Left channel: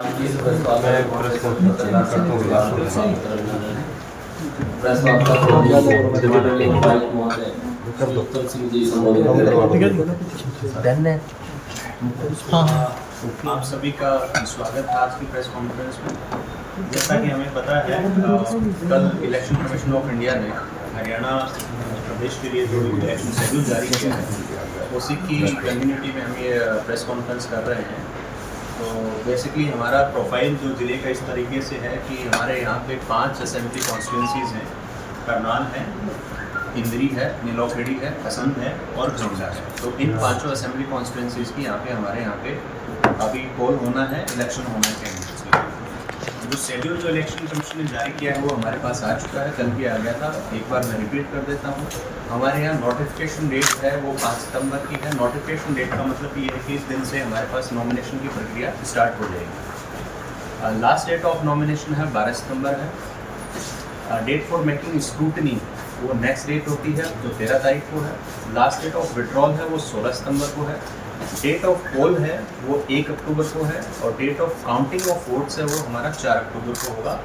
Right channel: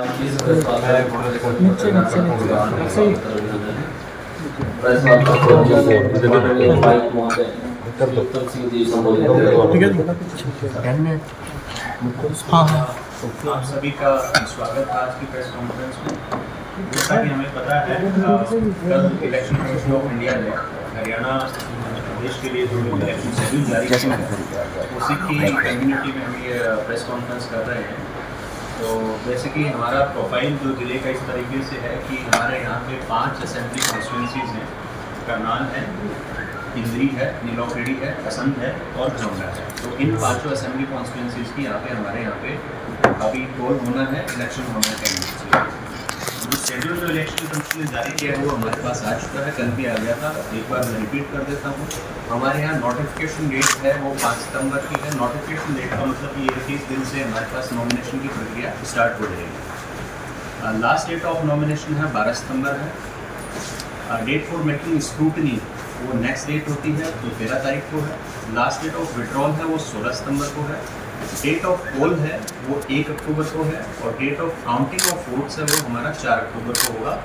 आप सभी का स्वागत है आज की प्रेस कॉन्फ्रेंस में। जैसा कि हमें पता है कल इलेक्शन कमीशन ऑफ इंडिया ने हरियाणा प्रदेश के लिए जो इलेक्शन शेड्यूल जारी किया है उसी की कम्युनिटी में हम ये प्रेस कॉन्फ्रेंस कर रहे हैं। तो बेसिकली हमारा प्रोफाइल जो ज़िले का इस तरीके से है कि हमारे यहाँ पे 5 असेंबली कॉन्स्टिट्यूंसीज़ हैं। करनाल है, इंद्री है, नीलोखेड़ी है, असंध है और घरौंडा है। तो इन 5 असेंबली कॉन्स्टिट्यूंसीज़ की हमारे यहाँ पे अभी पोल होना है, इलेक्शन होना है। शेड्यूल जो इलेक्शन कमीशन ने जारी किया है वो हमारे पास आ चुका है, कल भी आ गया था। एक बार मैं रिपीट कर देता हूँ। हमारे यहाँ नोटिफिकेशन डेट है वो 5 सितंबर की है। नोटिफिकेशन डेट का मतलब ये है कि इस दिन से हमारे पास नॉमिनेशन की प्रक्रिया स्टार्ट हो जाएगी। लास्ट डेट ऑफ नॉमिनेशन है 12 सितंबर है। डेट फॉर मेकिंग स्क्रूटनी वो नेक्स्ट डेट होती है तो 13 तारीख को है। लास्ट डेट ऑफ विड्रॉल है वो 16 सितंबर को है। डेट ऑफ पोल है वो 1 अक्टूबर को है और date of counting of votes है वो हमारा 4 अक्टूबर को होगा।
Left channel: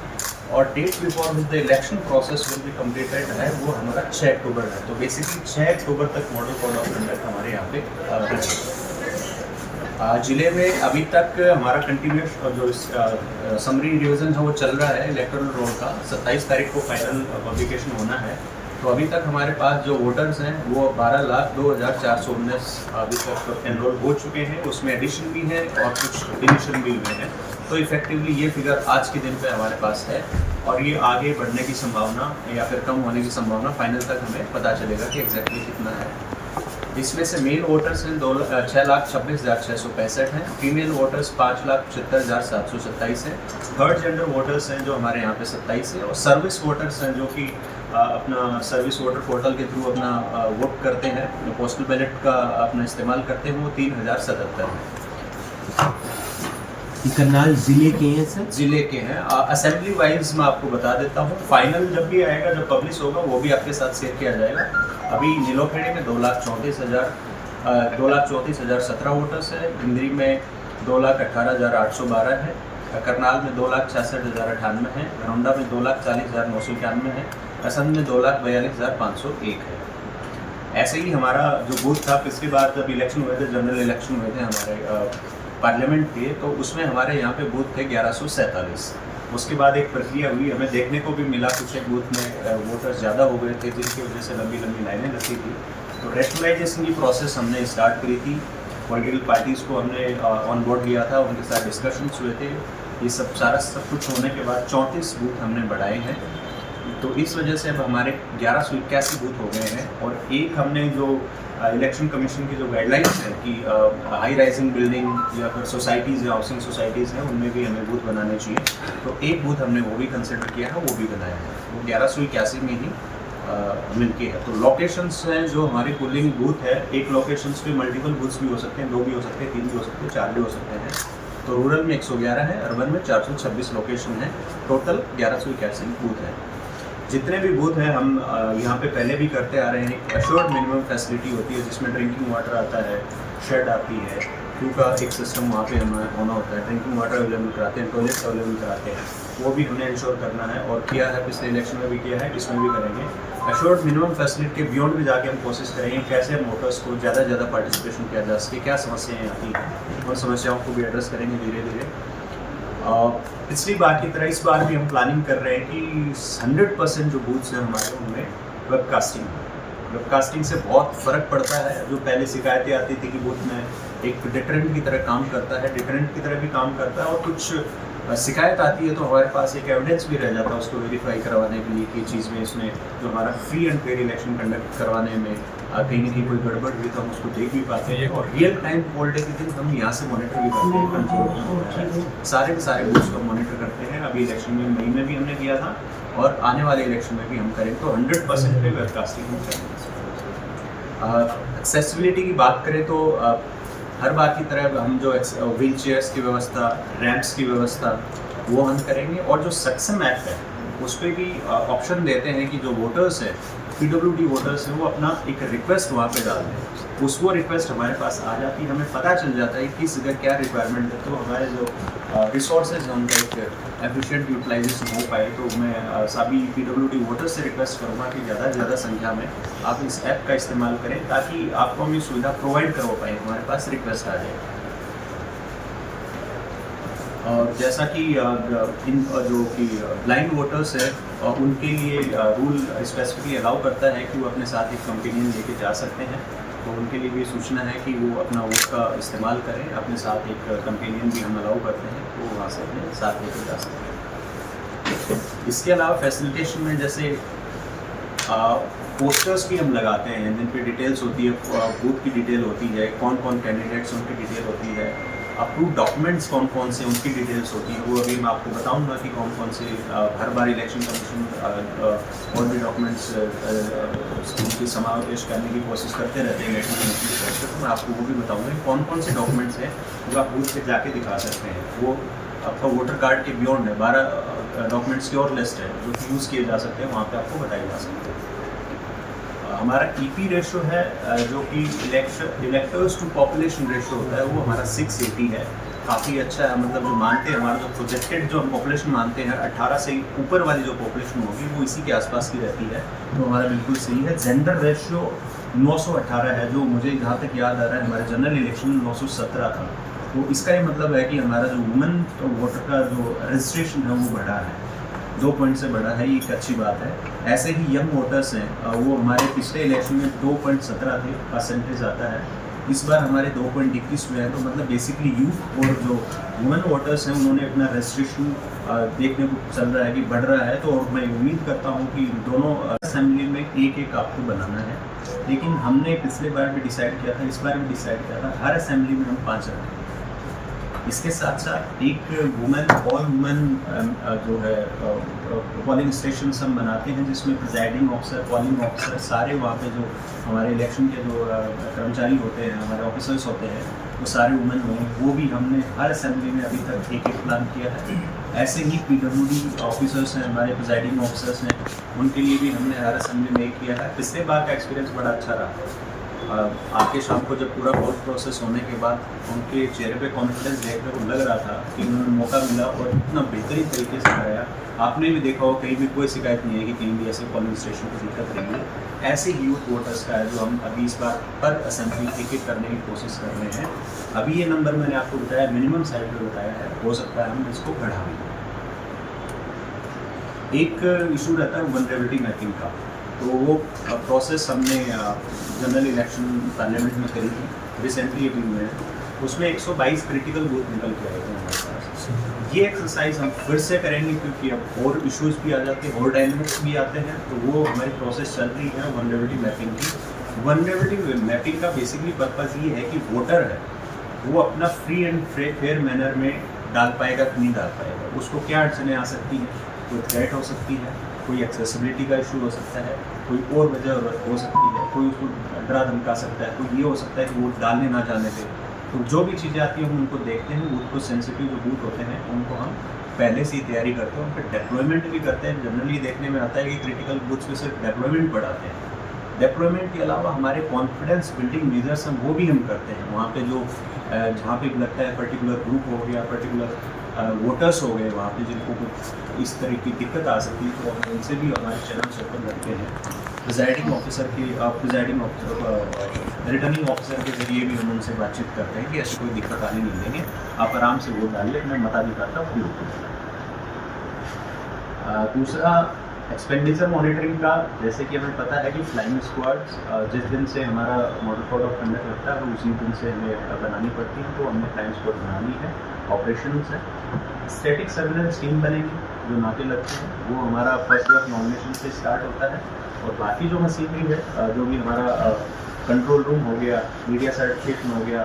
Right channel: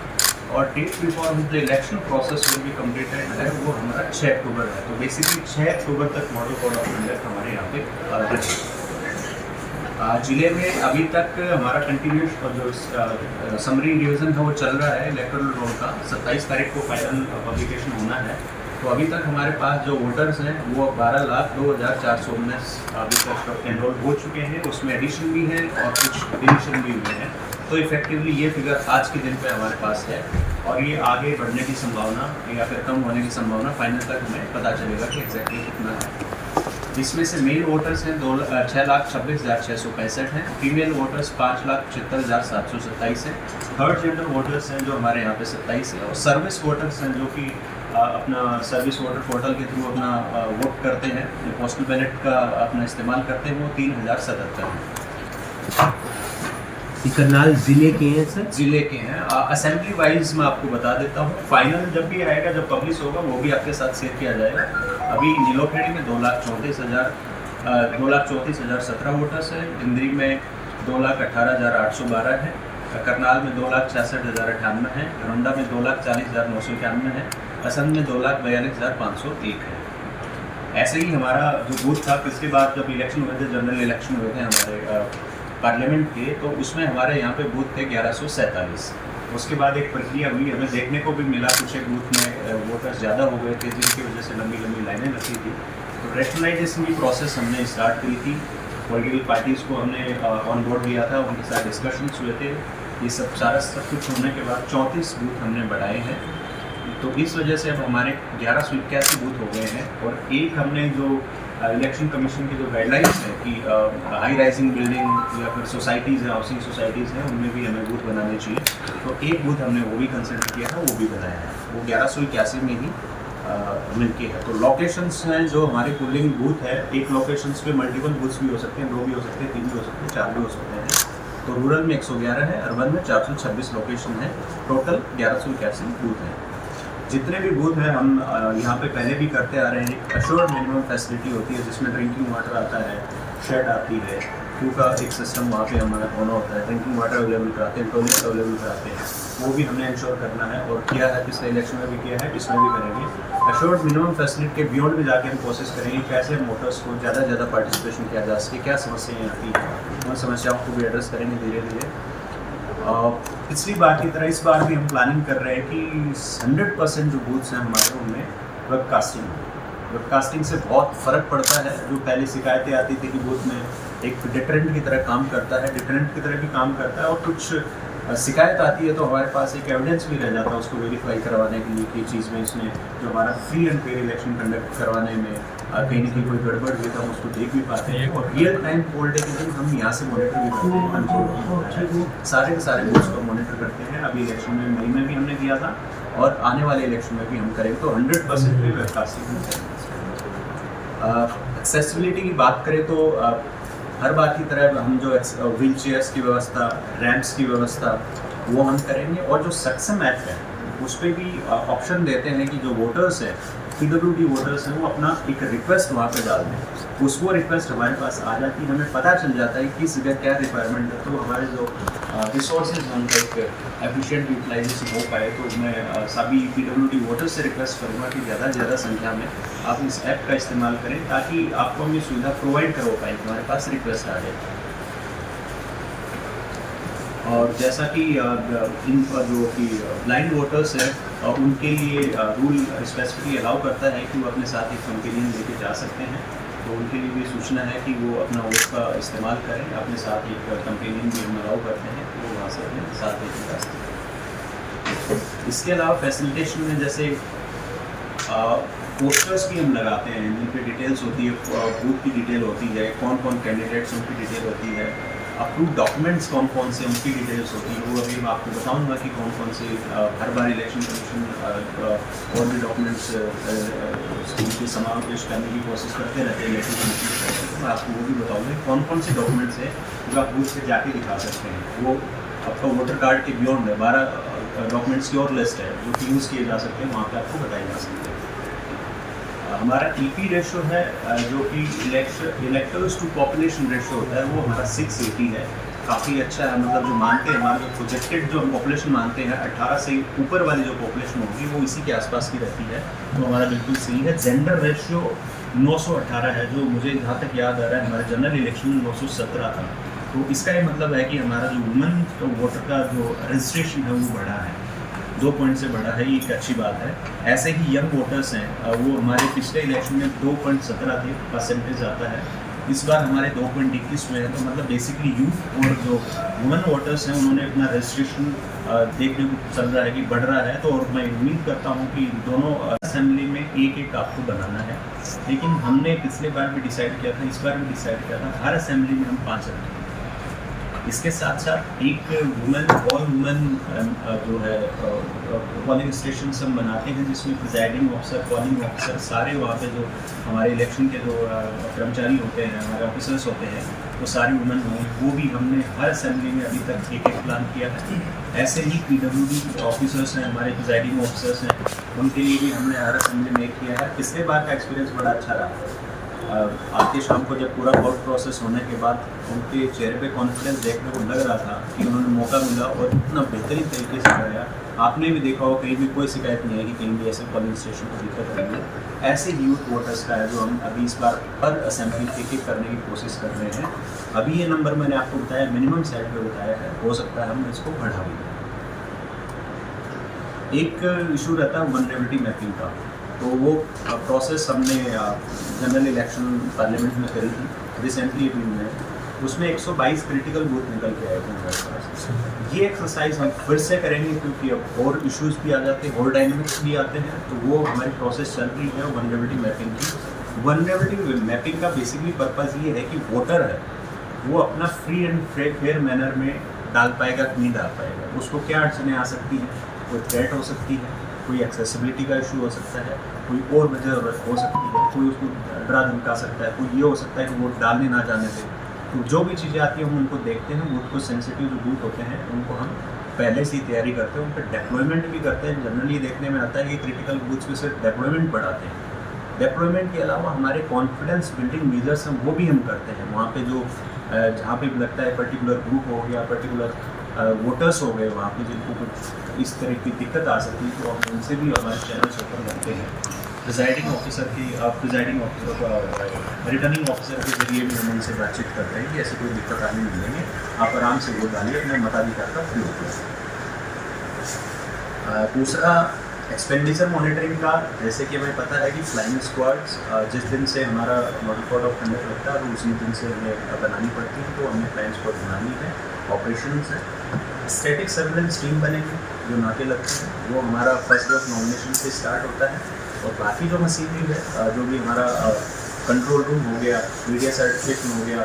और date before with the election process will be completed है वो हमारा 6 अक्टूबर है। तो बेसिकली 6 अक्टूबर तक मॉडल कोड ऑफ कंडक्ट हमारे यहाँ पे रहेगा। जिले में अभी तक हमारा कंटिन्यूस जो समरी रिविजन है वो चल रहा है इलेक्टोरल रोल का। 27 तारीख को फाइनल पब्लिकेशन होना है। तो अभी तक हमारे पास जो वोटर्स हैं वो 12,02,419 अभी तक एनरोल हो चुके हैं। उसमें एडिशन भी है और कुछ डिलीशन भी हुए हैं। तो इफेक्टिवली ये फिगर आज के दिन पे हमारे पास है और ये आगे बढ़ने की संभावना या फिर कम होने की संभावना फाइनल तक हमें पता चलेगा कि एग्जैक्टली कितना है। इसमें से मेल वोटर्स हैं 6,26,665 हैं। फीमेल वोटर्स 5,75,727 हैं। थर्ड जेंडर वोटर्स हैं जो हमारे यहाँ पे 27 हैं। और सर्विस वोटर्स हैं जो कि अपना सर्विस वोटर पोर्टल के थ्रू अपना वोट करते हैं, पोस्टल बैलेट का अपना इस्तेमाल करते हैं, वो 3,077 हैं। करनाल जिले के हैं सर? जिले के हैं। असेंबली वाइज मैं आपको बता देता हूँ। फाइनल जब भी आएगा, जब पब्लिश होगा वो भी आपके साथ शेयर किया जाएगा। अभी नीलोखेड़ी में 2,34,017 वोटर्स है। इंद्री में 2,18,812 है। करनाल में 2,66,098 है। घरौंडा में 2,40,991 है। असंध में 2,42,501 है। ऐसे ही हमारा जो बूथ था पिछली बार जब इलेक्शन हुए थे, जनरल इलेक्शन हुए थे हमारे पार्लियामेंट के, तो उसमें हमारे यहाँ पे बूथ थे 1147। उसके बाद एक प्रक्रिया हुई, हमें देखने को भी मिला कुछ एक बूथ में वोटर्स ज़्यादा हो गए थे जिनकी वजह से लंबी लंबी लाइनें लगती थी। तो रैशनलाइजेशन की प्रोसेस हमने स्टार्ट करी थी। पॉलिटिकल पार्टीज़ को हमने ऑन बोर्ड लिया था, उनके साथ डिस्कशंस हुए थे। ये सब कुछ होने के बाद 34 बूथ हमने बढ़ाए हैं। तो इस वजह से अब हमारे 1181 बूथ हो गए हैं। और एक हमने जो इलेक्शन कमीशन की जो गाइडलाइंस है कि हाई राइजिंग बिल्डिंग या फिर सोसाइटीज़ या हाउसिंग सोसाइटीज़ हैं उनमें भी हमें बूथ बनाने चाहिए। तो एक बूथ हमने वो भी कंसिडर किया है, वो भी बनाया है। वो 1181 में ही मिलके है। तो लोकेशंस हैं जो हमारे पोलिंग बूथ है। एक लोकेशंस पे मल्टीपल बूथ्स भी हो सकते हैं, 2 भी हो सकते हैं, 3 भी हो सकते हैं, 4 भी हो सकते हैं। तो रूरल में 111 है, अर्बन में 426 लोकेशन है। टोटल 1181 बूथ है। जितने भी बूथ हैं हम यहाँ पे पहले भी करते आ रहे हैं। एक एश्योर्ड मिनिमम फैसिलिटी होती है जिसमें ड्रिंकिंग वाटर आता है, शेड आती है, क्यू का एक सिस्टम वहाँ पे हमारा होना होता है, ड्रिंकिंग वाटर अवेलेबल कराते हैं, टॉयलेट अवेलेबल कराते हैं। वो भी हमने इंश्योर करना है और किया है, पिछले इलेक्शन में भी किया है, इसमें भी करेंगे। एश्योर्ड मिनिमम फैसिलिटी के बियॉन्ड भी जाके हम कोशिश करेंगे कैसे वोटर्स को ज़्यादा से ज़्यादा पार्टिसिपेशन किया जा सके, क्या समस्याएँ आती हैं, उन समस्याओं को भी एड्रेस करेंगे धीरे धीरे। पिछली बार की तरह इस बार भी हम प्लानिंग कर रहे हैं कि 100% जो बूथ्स हैं हमारे उनमें वेबकास्टिंग है। वेबकास्टिंग से बहुत फ़र्क पड़ता है। जो पहले शिकायतें आती थी कि बूथ में एक डिटरेंट की तरह काम करता है, डिटरेंट की तरह भी काम करता है। और कुछ शिकायत आती है तो हमारे पास एक एविडेंस भी रह जाता है उसको वेरीफाई करवाने के लिए कि चीज़ में इसमें जो हमारा free and fair election conduct करवाने में कहीं ना कहीं कोई गड़बड़ हुई तो हम उसको देख भी पाते हैं। और रियल टाइम पोल टेकिंग हम यहाँ से मॉनिटर भी करते हैं, कंट्रोल सारे के सारे बूथ्स को मॉनिटर करते हैं। अभी इलेक्शन में मई में भी हमने किया था और आने वाले इलेक्शन में भी हम करें तो 100% पे वेबकास्टिंग हम करेंगे। एक्सेसिबिलिटी की बात करें तो हर बार की तरह हम जो व्हील चेयर्स की व्यवस्था, रैंप्स की व्यवस्था वो हम करेंगे। और जो सक्षम ऐप है उस पर भी ऑप्शन देते हैं कि जो वोटर्स है, PWD वोटर्स हैं, वो अपना एक रिक्वेस्ट वहाँ पे डाल दें। वो रिक्वेस्ट हमारे पास आ जाती है, हमें पता चल जाता है किस जगह क्या रिक्वायरमेंट है। तो हमारे जो रिसोर्सेज उनका एक एफिशिएंट यूटिलाइजेशन हो पाए, तो मैं सभी PWD वोटर्स से रिक्वेस्ट करूँगा कि ज़्यादा से ज़्यादा संख्या में आप इस ऐप का इस्तेमाल करें, ताकि आपको हम ये सुविधा प्रोवाइड करवा पाएँ, हमारे पास रिक्वेस्ट आ जाए। और जैसा कि इन जो कि ब्लाइंड वोटर्स है, उनके लिए रूल स्पेसिफिकली अलाउ करता है कि वो अपने साथ एक कंपेनियन लेके जा सकते हैं, तो उनके लिए भी सूचना है कि वो अपना वोट का इस्तेमाल करें, अपने साथ एक कंपेनियन भी हम अलाउ करते हैं, वो वहाँ से अपने साथ लेके जा सकते हैं। इसके अलावा फैसिलिटेशन में जैसे पोस्टर्स भी हम लगाते हैं जिन पे डिटेल्स होती है, बूथ की डिटेल होती है, कौन कौन कैंडिडेट्स उनकी डिटेल होती है, अप्रूव डॉक्यूमेंट्स कौन कौन से उनकी डिटेल्स होती है, वो अभी मैं आपको बताऊंगा कि कौन कौन से हर बार इलेक्शन कमीशन और भी डॉक्यूमेंट्स उनके समावेश करने की कोशिश करते रहते हैं इलेक्शन कमीशन की तरफ से, तो मैं आपको वो भी बताऊंगा कौन कौन से डॉक्यूमेंट्स हैं जो आप बूथ पे जाके दिखा सकते हैं। वो आपका वोटर कार्ड के बियॉन्ड है, 12 डॉक्यूमेंट्स की और लिस्ट है जो कि यूज़ किए जा सकते हैं, वहाँ पे आपको बताए जा सकते हैं। हमारा TP रेशो है जो कि इलेक्टर्स टू पॉपुलेशन रेशो होता है, वो हमारा 680 है, काफ़ी अच्छा है। मतलब जो मानते हैं हमारा जो प्रोजेक्टेड जो हम पॉपुलेशन मानते हैं 18 से ऊपर वाली जो पॉपुलेशन होगी वो इसी के आसपास की रहती है, तो हमारा बिल्कुल सही है। जेंडर रेशियो 918 है, जो मुझे जहाँ तक याद आ रहा है हमारे जनरल इलेक्शन में 917 था, तो इसका ये मतलब है कि हमारा जो वुमेन वोटर का जो रजिस्ट्रेशन है वो बढ़ा है, 2 पॉइंट से बढ़ा है, ये एक अच्छी बात है। ऐसे ही यंग वोटर्स हैं, वो हमारे पिछले इलेक्शन में 2.17 थे परसेंटेज आता है, इस बार हमारे 2.21 जो है, तो मतलब बेसिकली यूथ और जो वुमेन वोटर्स हैं उन्होंने अपना रजिस्ट्रेशन देखने को चल रहा है कि बढ़ रहा है, तो और मैं उम्मीद करता हूँ कि दोनों असेंबली में एक आपको बनाना है। लेकिन हमने पिछले बार भी डिसाइड किया था, इस बार भी डिसाइड किया था, हर असेंबली में हम 5 रखेंगे। इसके साथ साथ एक वुमेन ऑल वुमेन जो है पोलिंग स्टेशन हम बनाते हैं, जिसमें प्रिजाइडिंग ऑफिसर, पोलिंग ऑफिसर, सारे वहाँ पे जो हमारे इलेक्शन के जो कर्मचारी होते हैं, हमारे ऑफिसर्स होते हैं, वो सारे वुमेन होंगे। वो भी हमने हर असेंबली में अभी तक एक प्लान किया है। ऐसे ही PWD ऑफिसर्स हैं, हमारे प्रिजाइडिंग ऑफिसर्स हैं, उनके लिए भी हमने हर असेंबली में एक किया है। पिछले बार का एक्सपीरियंस बड़ा अच्छा रहा। आज के शाम को जब पूरा वोट प्रोसेस होने के बाद उनके चेहरे पे कॉन्फिडेंस देखने को लग रहा था कि उन्होंने मौका मिला और इतना बेहतरीन तरीके से कराया। आपने भी देखा हो, कहीं भी कोई शिकायत नहीं है कि कहीं भी ऐसे पोलिंग स्टेशन को दिक्कत रही है। ऐसे यूथ वोटर्स का है जो हम अभी इस बार पर असेंबली एक करने की कोशिश कर रहे हैं। अभी ये नंबर मैंने आपको बताया, मिनिमम साइड पर बताया है, हो सकता है हम इसको बढ़ा भी। एक इशू रहता है वल्नरेबिलिटी मैपिंग का, तो वो प्रोसेस हमने जनरल इलेक्शन पार्लियामेंट में करी थी रिसेंटली अभी में, उसमें 122 क्रिटिकल बूथ निकल के आए थे हमारे पास। ये एक्सरसाइज हम फिर से करेंगे क्योंकि अब और इश्यूज भी आ जाते हैं और डायनेमिक्स भी आते हैं, तो वो हमारी प्रोसेस चल रही है वल्नरेबिलिटी मैपिंग की। वल्नरेबिलिटी मैपिंग का बेसिकली पर्पज़ ये है कि वोटर है वो अपना फ्री एंड फेयर मैनर में डाल पाएगा कि नहीं डाल पाएगा, उसको क्या अड़चनें आ सकती हैं, कोई थ्रेट हो सकती है, कोई एक्सेसिबिलिटी का इशू हो सकता है, कोई और वजह हो सकती है, कोई उसको डरा धमका सकता है, कोई ये हो सकता है कि वोट डालने ना जाने से। तो जो भी चीज़ें आती हैं हम उनको देखते हैं, बूथ को सेंसिटिव जो बूथ होते हैं उनको हम पहले से ही तैयारी करते हैं, उन पर डेप्लॉयमेंट भी करते हैं। जनरली देखने में आता है कि क्रिटिकल बूथ्स पे सिर्फ डेप्लॉयमेंट बढ़ाते हैं। डेप्लॉयमेंट के अलावा हमारे कॉन्फिडेंस बिल्डिंग मेजर्स हम वो भी हम करते हैं। वहाँ पे जो जहाँ पे लगता है पर्टिकुलर ग्रुप हो गया, पर्टिकुलर वोटर्स हो गए वहाँ पे जिनको कुछ इस तरह की दिक्कत आ सकती है, तो हम उनसे भी हमारे चैनल्स ओपन रखते हैं। प्रिजाइडिंग ऑफिसर की रिटर्निंग ऑफिसर के जरिए भी हम उनसे बातचीत करते हैं कि ऐसी कोई दिक्कत आने नहीं देंगे, आप आराम से वोट डालिए, अपने मताधिकार का उपयोग कीजिए। दूसरा एक्सपेंडिचर मॉनिटरिंग का, जैसे कि हमें पता है कि फ्लाइंग स्क्वाड्स जिस दिन से हमारा मॉडल कोड ऑफ कंडक्ट लगता है वो उसी दिन से हमें बनानी पड़ती है, तो हमें फ्लाइंग स्क्वाड बनानी है। ऑपरेशंस है, स्टैटिक सर्विलेंस टीम बनेगी जो नाके लगते हैं, वो हमारा फर्स्ट डे ऑफ नॉमिनेशन से स्टार्ट होता है। और बाकी जो मशीनरी है, जो भी हमारा कंट्रोल रूम हो गया, मीडिया सर्टिफिकेशन हो गया,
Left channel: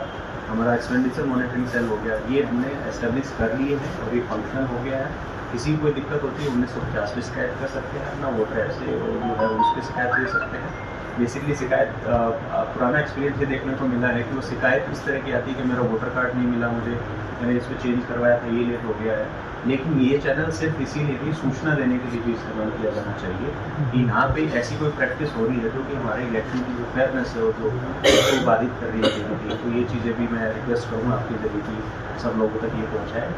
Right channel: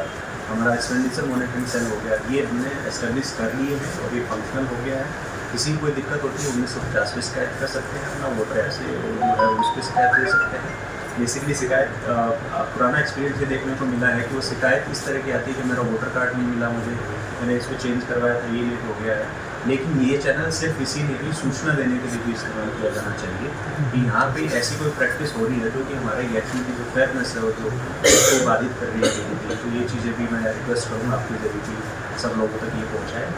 हमारा एक्सपेंडिचर मॉनिटरिंग सेल हो गया, ये हमने एस्टेब्लिश कर लिए हैं और ये फंक्शनल हो गया है। किसी को कोई दिक्कत होती है 1950 पे शिकायत कर सकते हैं अपना वोटर ऐप से, और जो है उस पर शिकायत दे सकते हैं। बेसिकली शिकायत पुराना एक्सपीरियंस ये देखने को मिला है कि वो शिकायत इस तरह की आती है कि मेरा वोटर कार्ड नहीं मिला मुझे, मैंने इसको चेंज करवाया था, ये लेट हो गया है। लेकिन ये चैनल सिर्फ इसीलिए भी सूचना देने के लिए भी इस्तेमाल किया जाना चाहिए कि यहाँ पे ऐसी कोई प्रैक्टिस हो रही है जो कि हमारे इलेक्शन की जो फेयरनेस है वो जो उसको बाधित कर रही है। तो ये चीज़ें भी मैं रिक्वेस्ट करूँगा आपके जरिए कि सब लोगों तक ये पहुँचाए।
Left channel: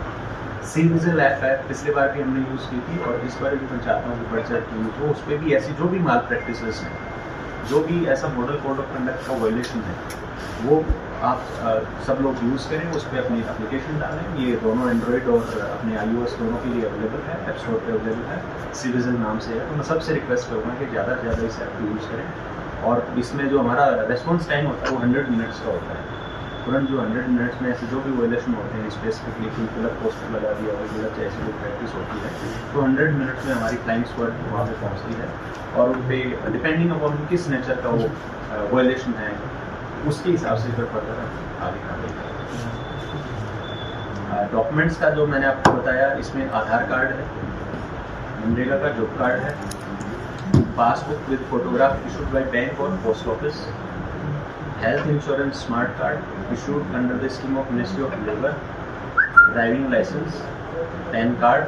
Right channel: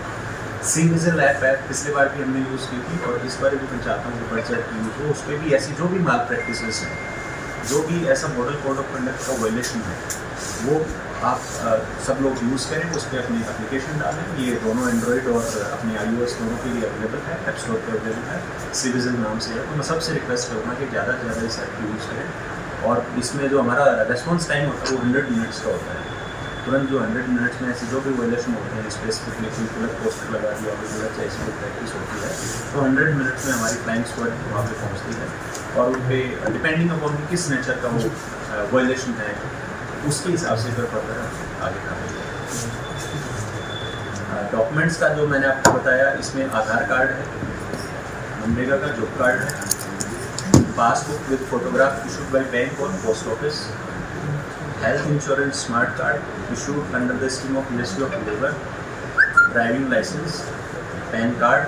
सी विजिल ऐप है, पिछले बार भी हमने यूज़ की थी और इस बार भी मैं चाहता हूँ कि बढ़ चढ़ की यूज़ हो। उस पर भी ऐसी जो भी माल प्रैक्टिसेस हैं, जो भी ऐसा मॉडल कोड ऑफ कंडक्ट का वायलेशन है, वो आप सब लोग यूज़ करें, उस पर अपनी एप्लीकेशन डालें। ये दोनों एंड्रॉयड और अपने iOS दोनों के लिए अवेलेबल है, ऐप स्टोर पर अवेलेबल है, सी विजिल नाम से है। तो मैं सबसे रिक्वेस्ट करूँगा कि ज़्यादा से ज़्यादा इस ऐप को यूज़ करें। और इसमें जो हमारा रेस्पॉन्स टाइम होता है वो 100 मिनट्स का होता है। तुरंत जो 100 मिनट्स में ऐसे जो भी वायलेशन होते हैं, स्पेसिफिकली कोई गलत पोस्टर लगा दिया और गलत जैसी कोई प्रैक्टिस होती है, तो 100 मिनट्स में हमारी फ्लाइंग स्क्वाड वहाँ पे पहुँचती है और उन पर डिपेंडिंग अपॉन किस नेचर का वो वायलेशन है, उसके हिसाब से फिर फर्दर हम आगे बढ़ेंगे। डॉक्यूमेंट्स का जो मैंने आपको बताया, इसमें आधार कार्ड है, मनरेगा का जॉब कार्ड है, passbook with photograph issued by bank और post office, health insurance smart card issued under the scheme of ministry of labour, driving licence, PAN card,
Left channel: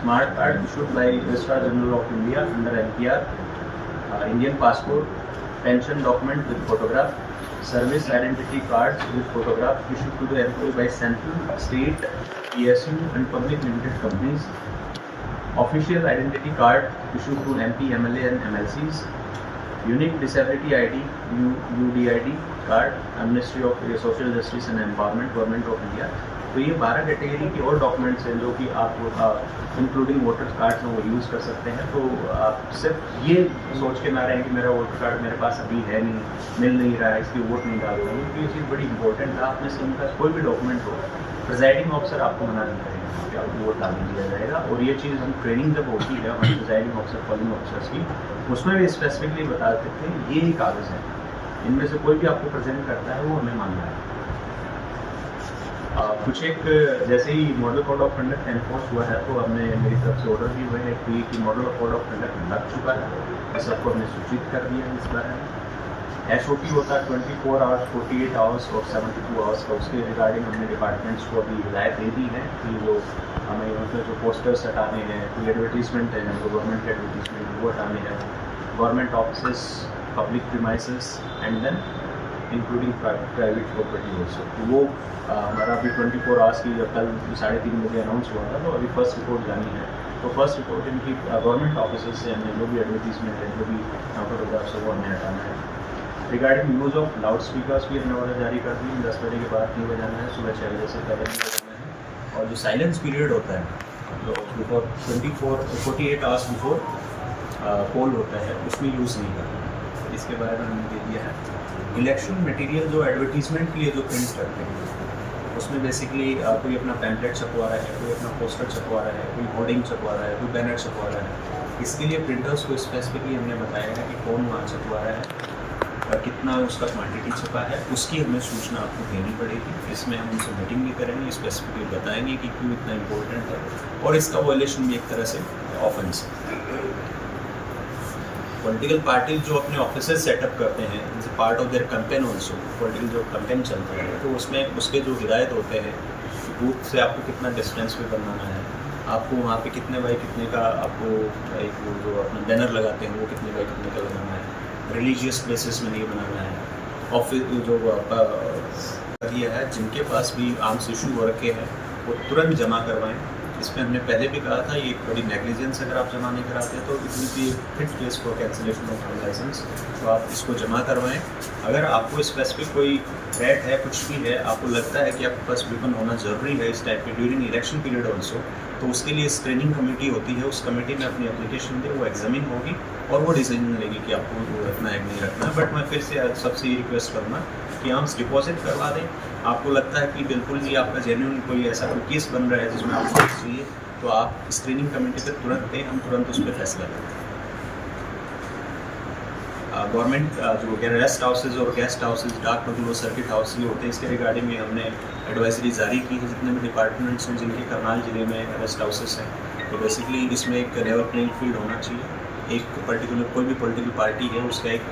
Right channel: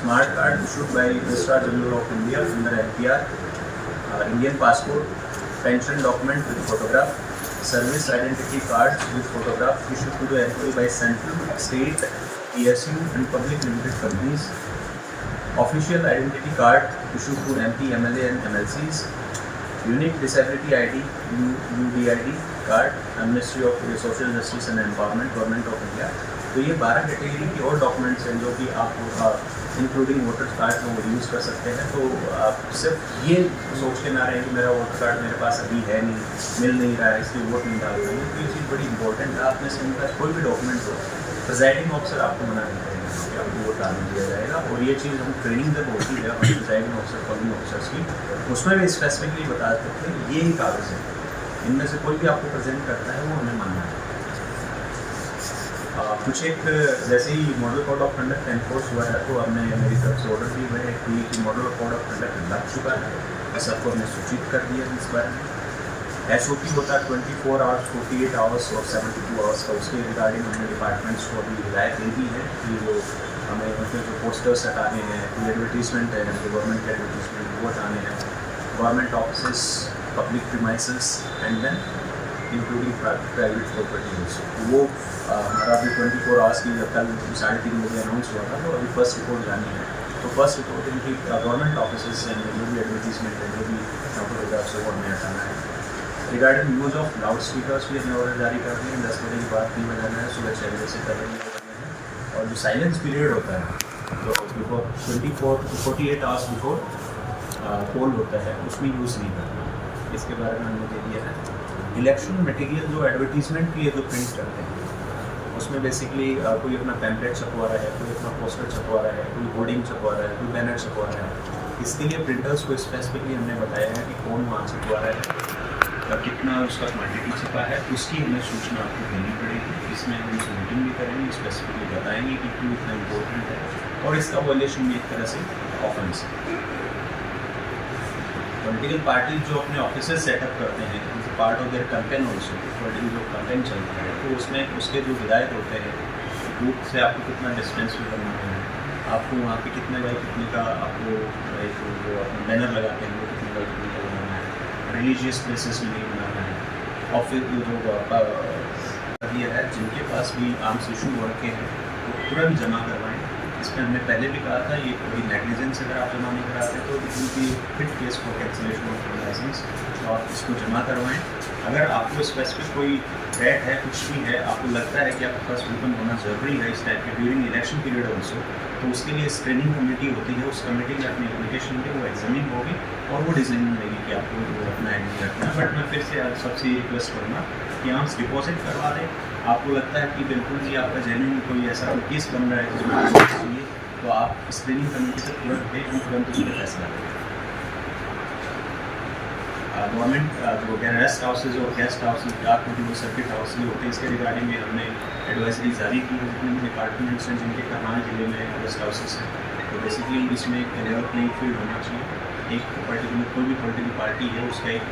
smart card issued by registrar general of India under NPR, Indian passport, pension document with photograph, service identity card with photograph issued to the employee by central, state, PSU and public limited companies, official identity card issued to MP, MLA and MLCs, unique disability ID UDID card, Ministry of Social Justice and Empowerment, Government of India। तो ये 12 category की और documents हैं जो कि आप including voter card में वो यूज़ कर सकते हैं। तो आप सिर्फ ये सोच के ना रहें कि मेरा वोटर कार्ड मेरे पास अभी है नहीं, मिल नहीं रहा है, इसलिए वोट नहीं डाल रहे हैं। तो ये चीज़ बड़ी इंपॉर्टेंट है। आप में से इनका कोई भी डॉक्यूमेंट हो, प्रिजाइडिंग ऑफिसर आपको मना नहीं करेंगे कि आपको वोट डालने दिया जाएगा। और ये चीज़ हम ट्रेनिंग जब होती है हमारे प्रिजाइडिंग ऑफिसर, पोलिंग ऑफिसर्स की, उसमें भी स्पेसिफिकली बता सकते हैं ये ही कागज़ है, इनमें से कोई भी आपको प्रेजेंट करता है वो हमें मानना है। कुछ एक जैसे ही model code of conduct enforce हुआ है, तो हमने मेरी तरफ से ऑर्डर भी हुए हैं कि मॉडल कोड ऑफ कंडक्ट लग चुका है, सबको हमने सूचित कर दिया है इस बारे में। SOP होता है 24 आवर्स, 48 आवर्स और 72 आवर्स का। उसके रिगार्डिंग हमने डिपार्टमेंट्स को अभी हिदायत दे दी है कि जो हमें उनके जो पोस्टर्स हटाने हैं, कोई एडवर्टीजमेंट है, जो गवर्नमेंट के एडवर्टीजमेंट वो हटाने हैं, government office, public premises and then including private property also. तो वो हमारा अभी 24 आवर्स की कल 3:30 बजे अनाउंस हुआ था, तो अभी फर्स्ट रिपोर्ट जानी है। तो फर्स्ट रिपोर्ट इनकी गवर्नमेंट ऑफिस से जो भी एडवर्टीजमेंट है, जो भी फोटोग्राफ से वो हमें हटाना है। Regarding use of loud speakers भी हमने ऑर्डर जारी कर दिए। 10 बजे के बाद नहीं बजाना है, सुबह 6 बजे से पहले नहीं बजाना है। और जो साइलेंस पीरियड होता है, जो बिफोर 48 आवर्स बिफोर पोल होता है, उसमें यूज़ नहीं करना, इसके बारे में हमने दे दिया है। इलेक्शन मटेरियल जो एडवर्टीजमेंट के लिए जो प्रिंट करते हैं, उसमें बेसिकली कोई अपना पैम्पलेट छपवा रहा है, कोई अपना पोस्टर छपवा रहा है, कोई होर्डिंग छपवा रहा है, कोई बैनर छपवा रहा है। इसके लिए प्रिंटर्स को स्पेसिफिकली हमने बताया है कि कौन माल छपवा रहा है, कितना उसका क्वांटिटी छपा है, उसकी हमें सूचना आपको देनी पड़ेगी। इसमें हम उनसे मीटिंग भी करेंगे, स्पेसिफिकली बताएंगे कि क्यों इतना इम्पोर्टेंट है और इसका वायलेशन भी एक तरह से ऑफेंस है। पॉलिटिकल पार्टीज जो अपने ऑफिसेज सेटअप करते हैं, part of their campaign also, political जो कैंपेन चलता है, तो उसमें उसके जो हिदायत होते हैं, बूथ से आपको कितना डिस्टेंस भी करना है, आपको वहाँ पे कितने बाई कितने का आपको एक जो बैनर लगाते हैं वो कितने बाई कितने का बनाना है, रिलीजियस प्लेसेस में नहीं बनाना है। ऑफिस जो ये है, जिनके पास भी आर्म्स इशू हो रखे हैं वो तुरंत जमा करवाएँ। इसमें हमने पहले भी कहा था, ये एक बड़ी नेग्लिजेंस अगर आप जमा नहीं कराते तो it will be fit case for cancellation of licence. तो आप इसको जमा करवाएं। अगर आपको स्पेसिफिक कोई थ्रेट है, कुछ भी है, आपको लगता है कि आपके पास वेपन होना ज़रूरी है इस टाइप के ड्यूरिंग इलेक्शन पीरियड ऑल्सो, तो उसके लिए स्क्रीनिंग कमेटी होती है, उस कमेटी में अपनी एप्लीकेशन दे, वो एग्जामिन होगी और वो डिसीजन लेगी कि आपको रखना है नहीं रखना। बट मैं फिर से सबसे ये रिक्वेस्ट करूँगा कि आर्म्स डिपॉजिट करवा दें। आपको लगता है कि बिल्कुल भी आपका जेन्युइन कोई ऐसा कोई केस बन रहा है जिसमें आपको चाहिए, तो आप स्क्रीनिंग कमेटी पर तुरंत दें, हम तुरंत उस पर फैसला करें। गवर्नमेंट जो रेस्ट हाउसेज और गेस्ट हाउसेज, डाक होटल और सर्किट हाउस ये होते हैं, इसके रिगार्डिंग में हमने एडवाइजरी जारी की है। जितने भी डिपार्टमेंट्स हैं जिनके करनाल ज़िले में रेस्ट हाउसेज हैं, तो बेसिकली इसमें एक लेवल प्लेइंग फील्ड होना चाहिए। एक पर्टिकुलर कोई भी पॉलिटिकल पार्टी है उसका एक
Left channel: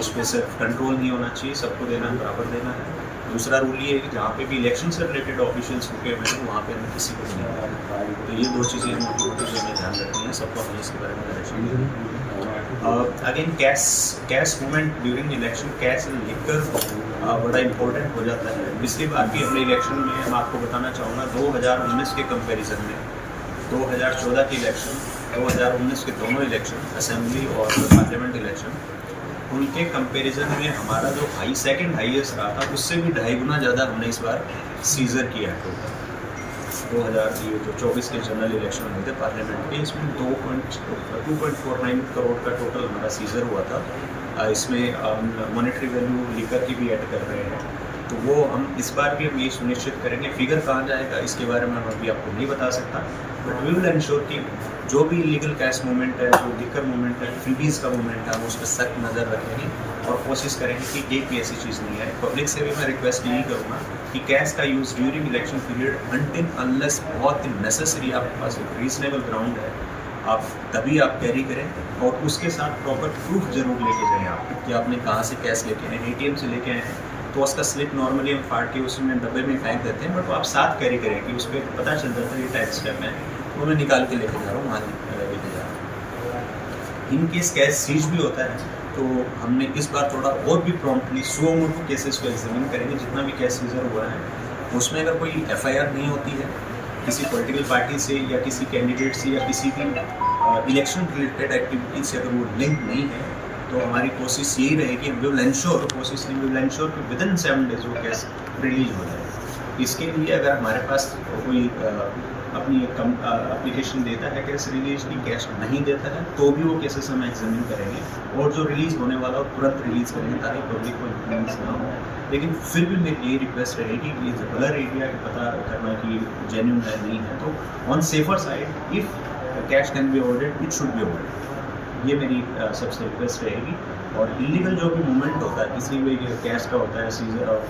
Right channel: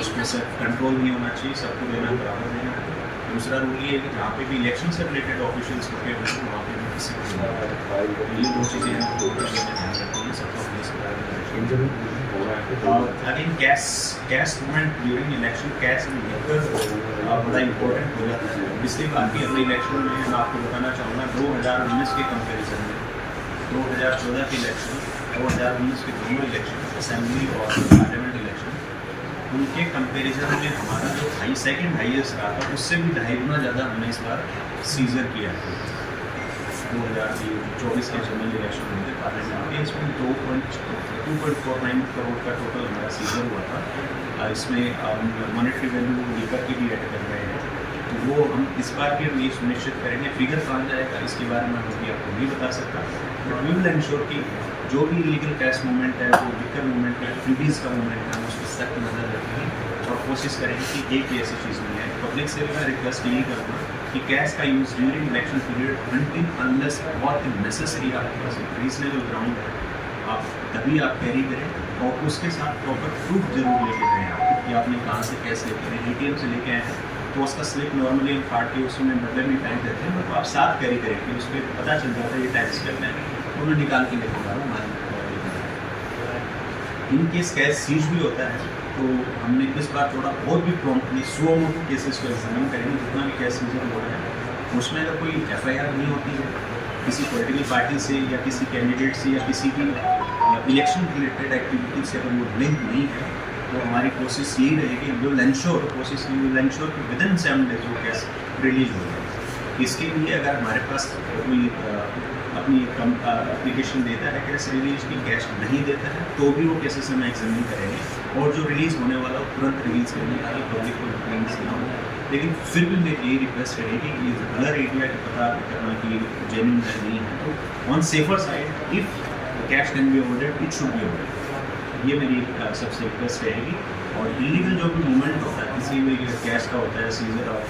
उस पर सिर्फ कंट्रोल नहीं होना चाहिए, सबको देना है, बराबर देना है। दूसरा रूल ये है कि जहाँ पे भी इलेक्शन से रिलेटेड ऑफिशियल्स होते हैं वहाँ पे हमें किसी को नहीं, तो ये दो चीज़ें हमें ध्यान रखनी है, सबको हमें इसके बारे में again cash movement during election, cash and liquor बड़ा इम्पोर्टेंट हो जाता है। पिछली बार की अपने इलेक्शन में मैं आपको बताना चाहूँगा 2019 के कंपैरिजन में 2014 के इलेक्शन, 2019 के दोनों इलेक्शन, असेंबली और पार्लियामेंट इलेक्शन, उनके कंपैरिजन में हमारा जो सेकंड हाईएस्ट रहा था उससे भी 2.5 गुना ज़्यादा हमने इस बार सीजर किया है। 2024 के जनरल इलेक्शन हुए थे पार्लियामेंट के, इसमें 2.49 करोड़ का टोटल हमारा सीजर हुआ था। इसमें मॉनेटरी वैल्यू लिकर की भी ऐड कर रहे हैं, तो वो हम इस बार भी हम ये सुनिश्चित करेंगे। फिगर कहाँ जाएगा इसके बारे में हम अभी आपको नहीं बता सकता, तो वी विल इंश्योर कि जो भी इलीगल कैश मूवमेंट है, जो लिकर मूवमेंट है, फ्रीबीज का मूवमेंट है, हम उस पर सख्त नज़र रखेंगे और कोशिश करेंगे कि एक भी ऐसी चीज़ नहीं है। पब्लिक से भी मैं रिक्वेस्ट यही करूँगा कि कैश का use during election period until unless बहुत ही नेसेसरी आपके पास एक रीजनेबल ग्राउंड है, आप तभी आप कैरी करें और उसके साथ प्रॉपर प्रूफ जरूर लेके जाएँ आप कि आपने कहाँ से कैश लेके आए। ATM से लेके आए हैं तो उसका स्लिप नॉर्मली हम फाड़ के उसी में डब्बे में फेंक देते हैं, बट आप साथ कैरी करें कि उस पर पता चल जाता है ये टैक्स करना है, तो मैं निकाल के लेके जा रहा हूँ, मान लेके जा रहा हूँ। इन केस कैश सीज भी होता है तो हमने इस बार थोड़ा और भी प्रॉम्प्टली 100 मोटो केसेस को एग्जामिन करेंगे। जितना भी कैश सीजर हुआ है उसमें अगर कोई FIR नहीं होती है किसी पॉलिटिकल पार्टी से या किसी कैंडिडेट से या किसी भी इलेक्शन रिलेटेड एक्टिविटी से अगर वो लिंक नहीं है, तो हमारी कोशिश यही रहेगी, विल इंश्योर कि विद इन 7 डेज वो केस रिलीज हो जाए। इसके लिए अगर हमारे पास कोई अपनी एप्लीकेशन देता है कैश रिलीज की, कैश नहीं देता है, तो भी वो केसेस हम एग्जामिन करेंगे और जो रिलीज़ होने वाला हो तुरंत रिलीज़ करेंगे ताकि पब्लिक को डिफरेंस ना हो। लेकिन फिर भी मेरी यही रिक्वेस्ट रहेगी कि कलर एरिया का पता करना कि जेन्युइन है नहीं है, तो on safer side if cash can be avoided it should be avoided, ये मेरी सबसे रिक्वेस्ट रहेगी। और इलीगल जो भी मूवमेंट होता है, किसी भी कैश का होता है, सीजर और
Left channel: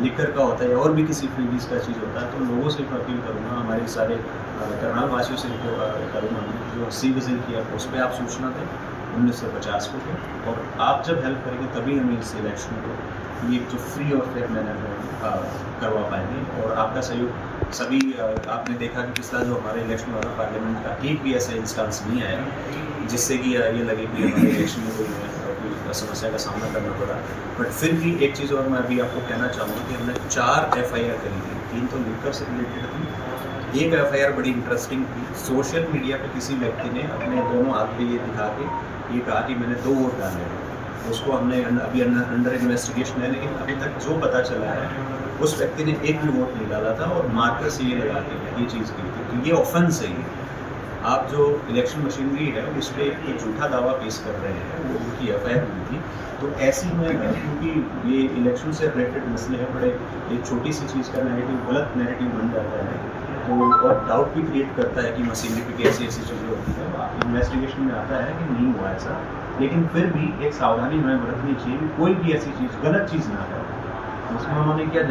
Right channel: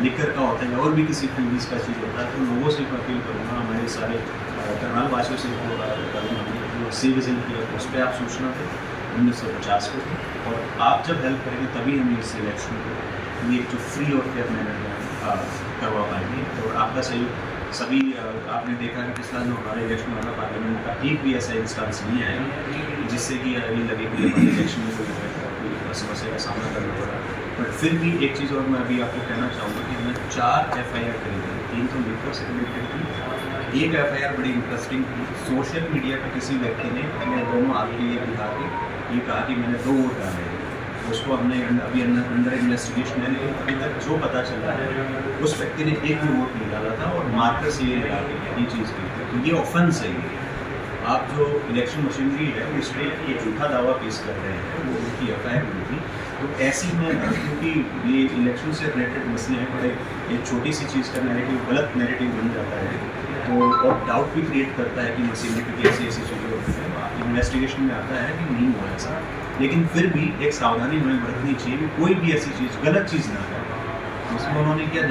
लिकर का होता है और भी किसी फ्रीबीज का चीज़ होता है, तो लोगों से मैं अपील करूँगा, हमारे सारे करनाल वासियों से करूँगा जो सी विजिल किया उस पर आप सूचना दें 1950 को, और आप जब हेल्प करेंगे तभी हम इस इलेक्शन को एक जो फ्री और फेयर मैनर में करवा पाएंगे। और आपका सहयोग सभी आपने देखा कि पिछला जो हमारे इलेक्शन हुआ पार्लियामेंट का, एक भी ऐसा इंस्टेंस नहीं आया जिससे कि ये लगे कि इलेक्शन में कोई समस्या का सामना करना पड़ा। बट फिर भी एक चीज़ और मैं अभी आपको कहना चाहूँगा कि हमने 4 FIR करी थी, 3 तो लिकर से रिलेटेड थी, एक FIR बड़ी इंटरेस्टिंग थी। सोशल मीडिया पे किसी व्यक्ति ने अपने दोनों हाथ पे ये दिखा के ये कहा कि मैंने 2 वोट डाले हैं, उसको हमने अभी अंडर इन्वेस्टिगेशन है, लेकिन अभी तक जो पता चला है उस व्यक्ति ने एक भी वोट नहीं डाला था और मार्कस ये लगा के ये चीज़ की थी, तो ये ऑफेंस है। आप जो इलेक्शन मशीनरी है उस पर एक झूठा दावा पेश कर रहे हैं, वो उनकी FIR हुई थी। तो ऐसी में क्योंकि ये इलेक्शन से रिलेटेड मसले हैं, बड़े एक छोटी सी चीज़ का नैरेटिव गलत नैरेटिव बन जाता है, तो और डाउट भी क्रिएट करता है कि मशीनरी की कैसी ऐसी चीज़ें होती हैं। इन्वेस्टिगेशन में आता है कि नहीं हुआ ऐसा, लेकिन फिर भी एक सावधानी हमें बरतनी चाहिए कि कोई भी ऐसी चीज़ गलत चीज़ ना है। उसमें उन्होंने क्या